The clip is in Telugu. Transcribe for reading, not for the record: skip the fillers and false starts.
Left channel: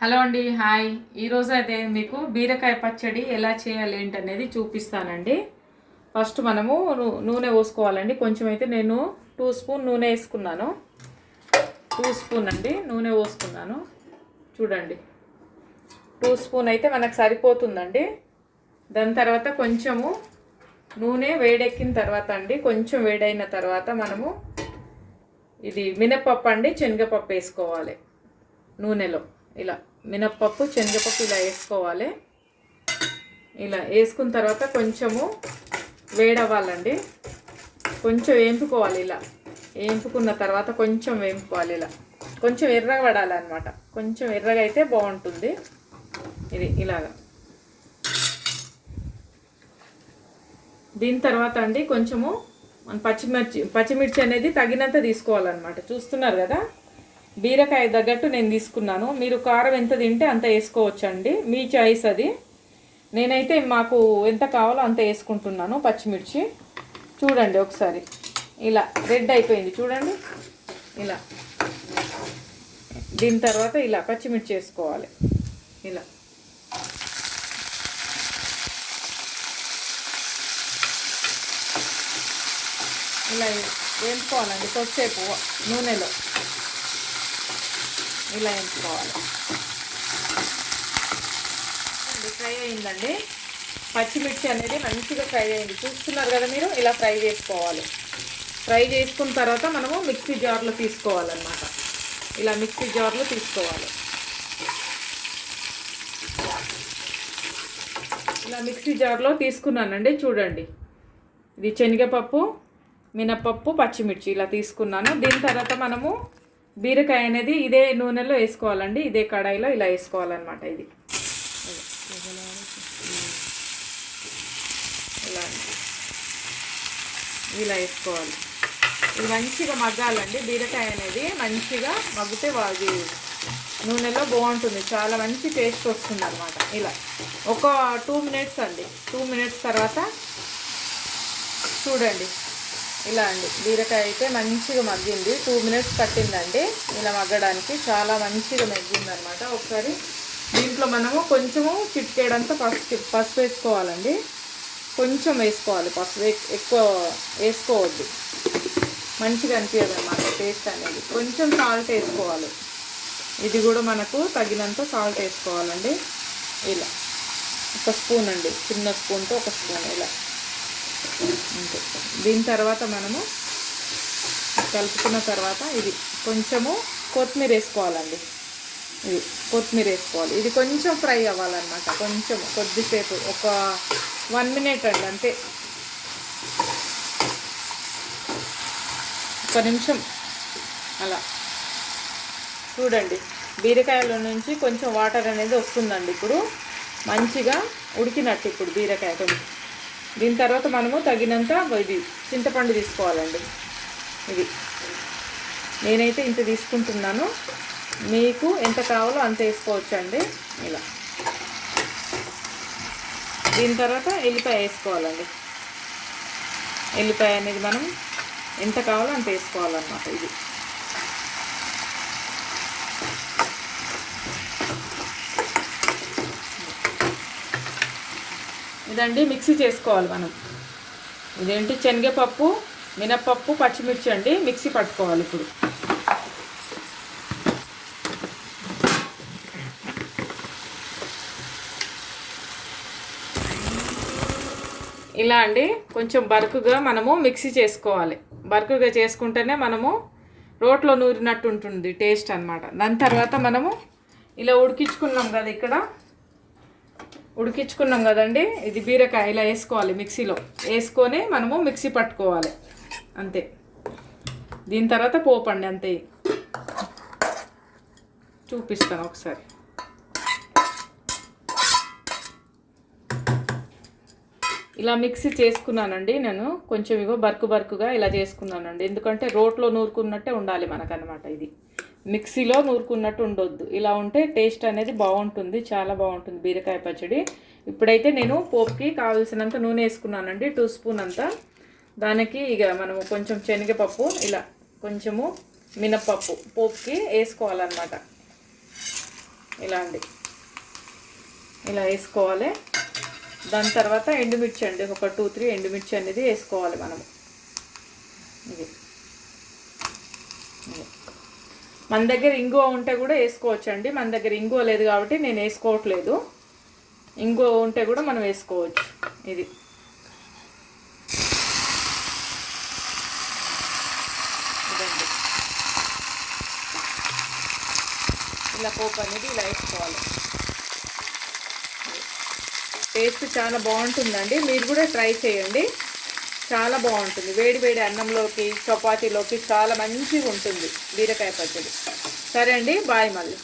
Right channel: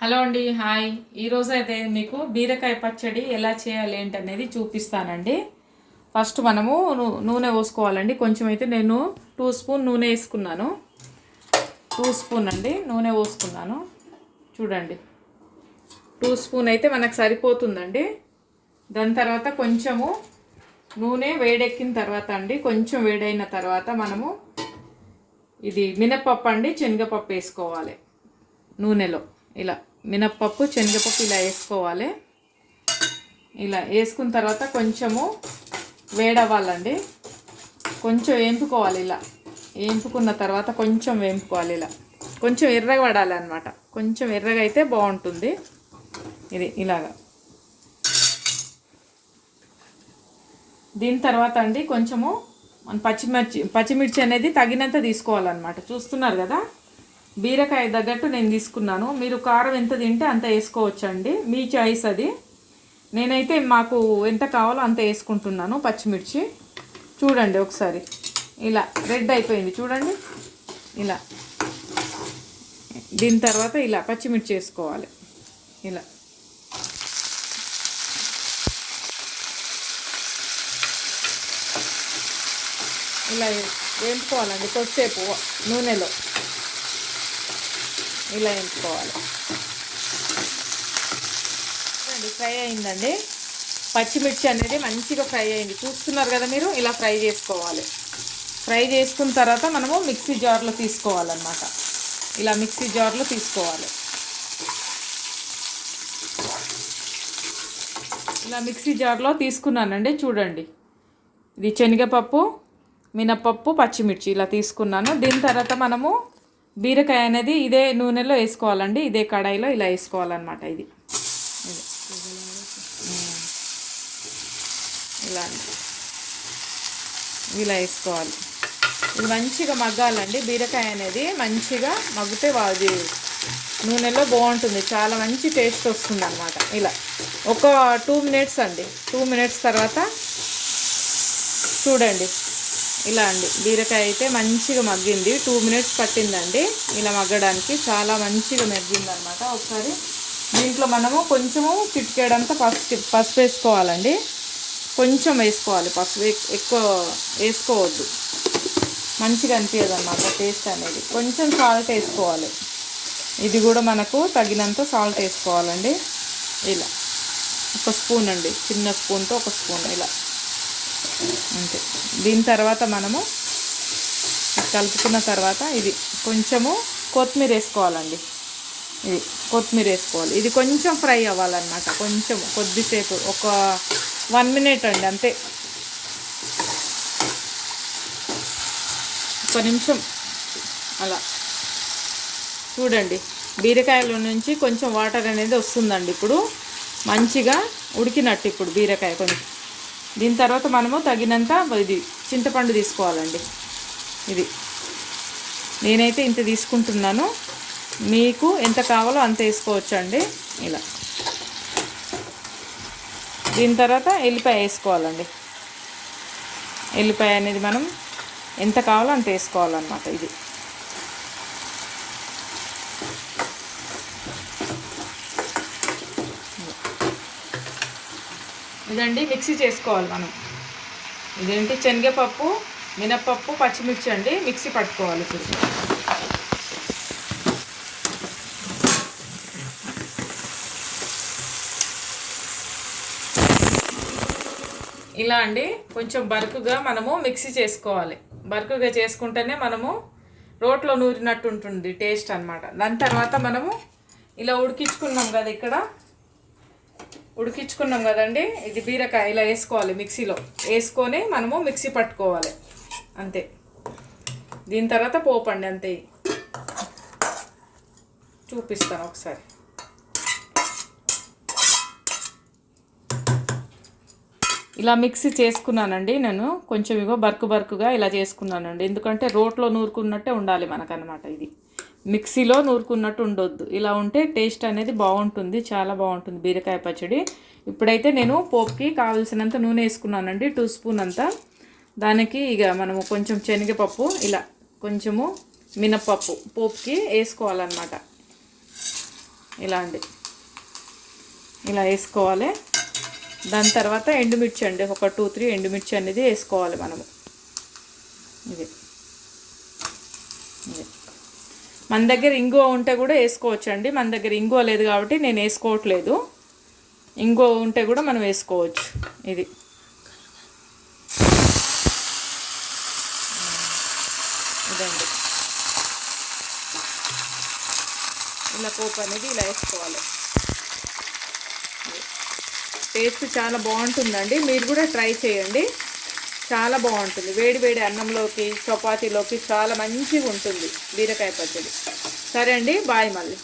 హలో అండి, హాయ్. ఈరోజు అయితే మీకు బీరకాయ పచ్చడి ఎలా చేయాలి ఏంటనేది చూపిస్తానండి. ఫస్ట్ మనము నూనె పోసుకోవాలండి. కొంచెం అయితే నేను 2 స్పూన్ నూనె వేసుకున్నాను. 2 స్పూన్ అండి నూనె పోసుకున్నాను. చూడండి, 2 స్పూన్ అయితే మనకు సరిపోతుందండి. దాని తర్వాత కొంచెము నూనె వేడెక్కిన తర్వాత అండి, కొంచెం వేడైన తర్వాత మనము ఇది మినపప్పు అండి, శనగపప్పు వేసుకోవాలి నూనెలో. ఇలా మినప్పప్పు శనగపప్పు ఇలా వేసుకోవాలి. ఇలా వేసుకున్న తర్వాత కొంచెము వేడవ్వాలండి, కొంచెం వేంపుకోవాలి. ఇలా వేంపుకున్న తర్వాత కొంచెం వేంపుకోవాలి. ఇలా కొంచెం ఎర్రగా పడాలి అనమాట. కొంచెం ఎర్రగా అయితే బాగుంటుంది. ఇది ఇలాగా. దీని తర్వాత అండి కొంచెము పచ్చిమిర్చి అనేది తగినంత తీసుకోవాలన్నమాట. చూస్తున్నారు కదా, బీరకాయ తగ్గట్టు నేను తీసుకున్నాను. మీరు కారం ఎంత తింటే అంత వేసుకోవచ్చండి, మీ చాయిస్ అది. నేనైతే మాకు ఎంత కావాలో అంత వేసుకుంటున్నాను పచ్చిమిర్చి. చూడండి ఒకసారి, ఇలా రెడ్ అయిపోయింది చూడండి. ఇలా దీని తర్వాత ఇలా పచ్చిమిర్చి వేసుకోవాలి. ఇలా ఇలా వేయించుకోవాలండి కొద్దిసేపు నూనెలో. ఇలా వేయించుకోవాలి. ఫ్రై అయిందండి, పచ్చిమిర్చి అనేది మంచిగా ఫ్రై అయింది. చూస్తున్నారు కదా మీరు, ఇలా ఫ్రై చేసుకోవాలి. ఫ్రై చేసుకున్న తర్వాత మనము మిక్సీ జార్లో తీసుకోవాలన్నమాట. ఇలా మిక్సీ జార్లో తీసుకోవాలి. ఇలా మిక్సీ జార్లో తీసుకున్నానండి. చూడండి, ఇది శనగపప్పు, మినపప్పు, పచ్చిమిర్చి ఇలా తీసుకున్నాను. దీని తర్వాత మనము బీరకాయ అనేది ఇదే నూనెలో వేసుకోవాలండి, ఇదే కడాయిలో ఇలా వేసుకోవాలన్నమాట. ఇది ఇలా ఇలా వేసుకోవాలి. ఇది మంచిగా మగ్గాలండి. బీరకాయ అనేది మంచిగా మగ్గితే అది నూనెలో బాగుంటుంది, చాలా మంచి టేస్ట్ వస్తుంది అన్నమాట. ఇలా ఒక 2 మినిట్స్ అండి. 2 మినిట్స్ తర్వాత చూడండి, ఇలా అండి బీరకాయ అయితే మంచిగా మగ్గింది. 2 మినిట్స్ పట్టిందండి ఇలా మగ్గడానికి, చాలా మంచిగా మగ్గింది అనమాట. ఒకసారి దీంట్లో మనము కొంచెము చిటికేడంతా పసుపు వేసుకోవాలండి. కొంచెం వేసుకోవాలి పసుపు, ఎక్కువ వేసుకోవద్దు, మంచిగా అనిపించదు అనమాట టేస్ట్ అనేది. కొంచెం సాల్ట్ వేసుకోవాలి. ఇది కూడా మనకు తగినంత సాల్ట్ వేసుకోవాలండి. ఇలా 1 స్పూన్ అండి, చిన్న స్పూన్తో 1 స్పూన్ ఇలా అంతే. దీని తర్వాత మనము కలుపుకున్న తర్వాత ఇది కొంచెము కొత్తిమీర వేసుకోవాలండి. ఇది కొత్తిమీర వేసుకోవాలి. ఇది కొంచెం ఫ్రై అవ్వాలన్నమాట, కొంచెం కొద్దిసేపు, ఒక 1 మినిట్ అండి అంతే. 1 నిమిషం అలా. చూడండి, బీరకాయలో నుంచి కొంచెం వాటర్ అనేది వస్తుందండి. ఇప్పుడు మంచిగా ఉడికినట్టు ఇప్పుడు బీరకాయ కొంచెం. దీని తర్వాత మనము తగినంత ఇది చింతపండు తీసుకోవాలండి. ఇది నేనైతే ఇంత తీసుకుంటున్నాను, మీకు ఎంత కావాలో అంత వేసుకోవచ్చు అండి. ఇలా దీని తర్వాత ఎల్లిపాయ వేసుకోవాలండి. ఎల్లిపాయ అనేది మనం ఎంత కావాలో అంత వేసుకోవాలన్నమాట. ఇది ఇదండి మిక్సీ చేసుకోవాలి మనం. ఇదేంటి శనగపప్పు, మినపప్పు, పచ్చిమిర్చి అండి మిక్సీ పట్టుకోవాలి ఇప్పుడు. ఇలా అండి కొంచెం బరుకుగా మనము మిక్సీ చేసుకోవాలి. బరుకుగా చేసుకుంటేనే మనము రోట్లో నూరినట్టు ఉంటుంది టేస్ట్ అన్నమాట. దాని తర్వాత మనము ఇలా ఉడికించుకున్నాం కదా, ఇక్కడ ఉడికించుకున్నాం కదండి, ఇది బీరకాయ ఇలా వేసుకోవాలి. మిక్సీలో వేసుకొని మనము మిక్సీ పట్టుకోవాలి అంతే. దీని తర్వాత పోపు అండి అంతే. చూపిస్తాను ఒకసారి. ఇలా మిక్సీ చేసుకున్నానండి నేను. కొంచెం ఇగో బరుకుగా ఇలా చేసుకున్నానండి, ఎందుకంటే రోట్లో నూరుకున్నట్టే ఉండాలి మనకనమాట. ఇది మిక్సీలో నూరుకున్నట్టు ఉండొద్దు. ఇలా ఉంటే టేస్ట్ అనేది బాగుంటుంది, చాలా బాగుంటుంది బీరకాయ పచ్చడి. ఇప్పుడైతే నేను పోపుకి కావాల్సినంత నూనె వేసుకున్నానండి, 2 స్పూన్ అంతా. దానికి ఇక మనము కొంచెం శనగపప్పు, ఇలా కొంచెము మినపప్పు పోపుకి వేసుకోవాలన్నమాట. ఇలా అండి, ఇలా వేసుకోవాలి. దాని తర్వాత ఎండుమిర్చి అండి, ఒక 2-3 ఎండుమిర్చి అనేది వేసుకోవాలి మనము. ఇది మన దగ్గర ఇంగువ ఉంటే కూడా వేసుకోవచ్చు అండి. మన దగ్గర ఇంగువ లేదు కాబట్టి నేను వేసుకోవట్లేదు. ఇంగువ ఉంటే కూడా మనం వేసుకోవచ్చు. ఇది ఇదండి, ఇలా పోపు అనేది ఇలా వేసుకోవాలి. టేస్ట్ చాలా బాగుంటుందండి, మీరు కూడా ట్రై చేయండి. చాలా బాగుంటుంది, వేడి వేడి అన్నంలోకి చపాతీలోకి చాలా మంచిగా ఉంటుంది బీరకాయ పచ్చడి. సరే అండి, బాయ్ మళ్ళీ.